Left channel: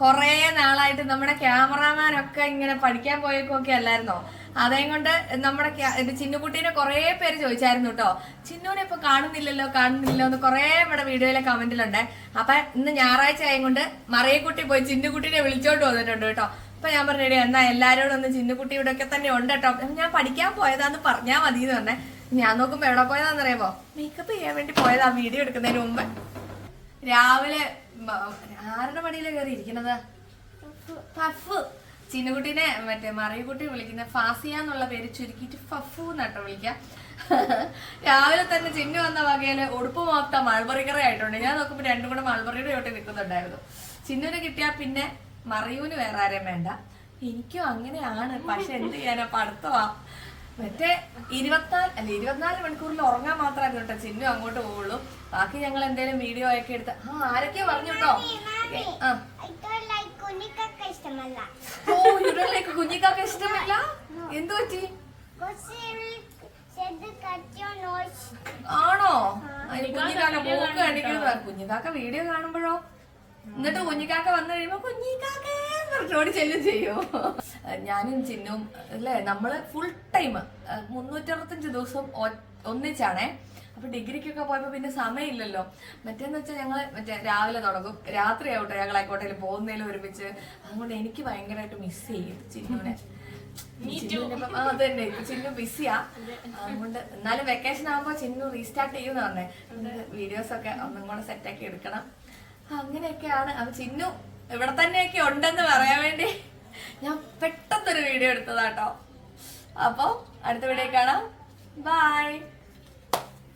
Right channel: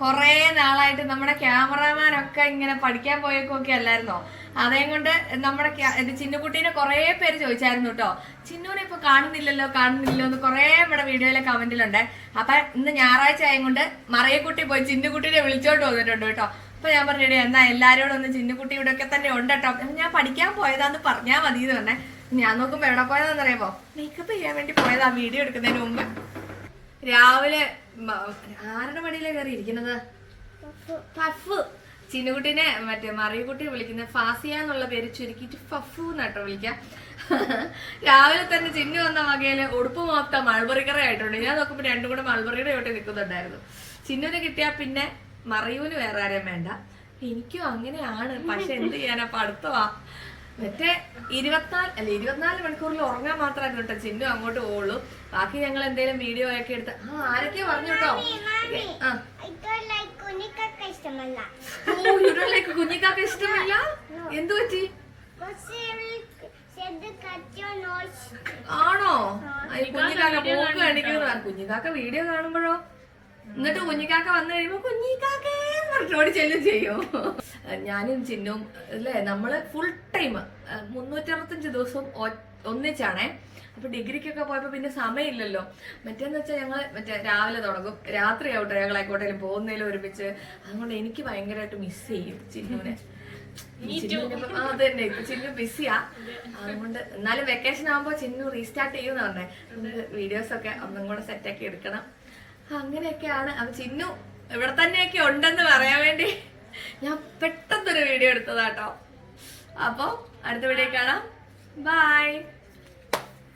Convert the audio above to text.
കൊറേ നാളായിട്ട് നമ്മുടെ ക്യാമറാമാനൊക്കെ ഇങ്ങനെ പഠിക്കാൻ പോയേക്കൊക്കെ അല്ലായിരുന്നോ? അതേ കൊണ്ട് നമ്മുടെ ചിന്നുകുട്ടീനെ കുറെ പേര് ചോദിച്ചായിരുന്നു കേട്ടോ, ചിന്നുവിനെ ഇപ്പൊ കാണുന്നില്ലല്ലോ എന്ന് കുറെ ഇവിടെ വീഡിയോയിലെ കമന്റിലുണ്ട്. അപ്പൊ ഇന്ന് ഞായറാഴ്ച ആയതുകൊണ്ട് മറിയക്കുട്ടി പോയി ചിന്നുകുട്ടീനെ വിളിച്ചോണ്ട് വന്നിട്ടുണ്ട് കേട്ടോ. അപ്പൊ ഞാൻ പറഞ്ഞു, എന്നാ എല്ലാരോടും ഒന്ന് ചിന്നുകുട്ടി ഇവിടെ ഒക്കെ തന്നെ ഉണ്ട് കേട്ടോ, ഞാൻ പഠിക്കാൻ പോയതാന്ന് പറഞ്ഞാൽ മതി എന്ന് പറഞ്ഞേ. ഞാൻ നോക്കുമ്പോ എവിടെ പോയതാന്ന് അറിയാമോ? മേക്കപ്പ് ചെയ്യാൻ വേണ്ടി പോയതാ വീഡിയോ എടുക്കുന്നതിന് മുമ്പ്. രാവിലെ ആരുടെ മടിയിലെ കയറി ഇരിക്കുന്നത്? ഫഫു. ചിന്നുകുട്ടീനെ മറ്റേ മറിയക്കുട്ടി വിളിക്കുന്ന ഫാസിയ എന്നുള്ള പേര് ചുരുക്കിയിട്ട് ഫഫു എന്നാട്ടോ വിളിക്കാം. രാവിലെ തന്നെ ചിന്നു വന്ന വകയില് ഉടുപ്പ് മൊത്തം മൾബറിക്കറി ആയിട്ടുണ്ട്. ഞാൻ നോക്കുമ്പോ രണ്ടും കൂടെ മൾബറിയുടെ ചോട്ടി നിൽക്കുന്നുണ്ടായിരുന്നു. ചിന്നുവിനെ കിട്ടിയാ പിന്നെ മറിയൂന് വേറെ ആരെയും വേണ്ട. എനിക്കും അങ്ങനെയാണ്, പക്ഷെ എന്ത് ചെയ്യാനാ, പഠിത്തവാ. മറ്റേ 24 മണിക്കൂറിൽ ഉറങ്ങാൻ മാത്രമായിരുന്നു കേട്ടോ ചിന്നു അങ്ങോട്ട് പോവുള്ളൂ. ബാക്കി ഞങ്ങൾ എന്തെങ്കിലും വീഡിയോ ഒക്കെ എടുത്ത് ആരൊക്കെയോ പറഞ്ഞു കേട്ടോ. കുഞ്ഞിക്കാക്ക ഇഷ്ടമല്ല? എന്തു പറ്റി? ആണോ? കുഞ്ഞിക്കാക്ക പോക്ക് കാണിക്കുന്നത്. കുഞ്ഞിക്കാക്ക വീഡിയോ കാണുമ്പോഴോ? എന്നിട്ട് കുഞ്ഞിക്കാക്ക വന്നു കഴിയുമ്പോ കുഞ്ഞിക്കാക്കേ പറഞ്ഞോടി ചെല്ലും ചെയ്യും. ഞാനും ചിന്നും അല്ലേ, നമ്മള് ഫുൾ ടൈം 365 ദിവസവും ഒന്നിച്ചാണേ. അപ്പൊ ഡിഗ്രിക്കൊക്കെ പോയപ്പോ പിന്നെ സമയമില്ലല്ലോ. മറ്റേന്ന് വെച്ചാൽ ഞങ്ങള് രാവിലെ തുടങ്ങും, രാത്രി ആവട്ടെ ഞങ്ങൾ ആയിക്കോട്ടേലും പോകുന്നതിലും ഒരുമിച്ച്. അതുകൊണ്ട് എനിക്ക് ഭയങ്കരമായിട്ട് മിസ് ചെയ്യും ചിന്നുവിനെ. അത് തന്നെ, ഇപ്പൊ ചിന്നു ബിസിയാ. അതുകൊണ്ട് എന്നാലും വെക്കേഷൻ ആകുമ്പോ ചിന്നു റീസ്റ്റാർട്ട് ചെയ്യുമെന്ന് പറഞ്ഞേ. വീഡിയോസ് ഒക്കെ ഒന്നും കൂടെ സെറ്റാക്കി എടുക്കണം. അങ്ങനെയൊക്കെയാണ്. അത് ചിന്നു ഇവിടെ തന്നെയൊക്കെ ഉണ്ടെന്ന് പറയാൻ വേണ്ടി ഞാൻ പെട്ടെന്നൊരു വീഡിയോ എടുത്തതാട്ടോ. അപ്പൊ അടുത്ത വീഡിയോ കാണാം. ബൈ.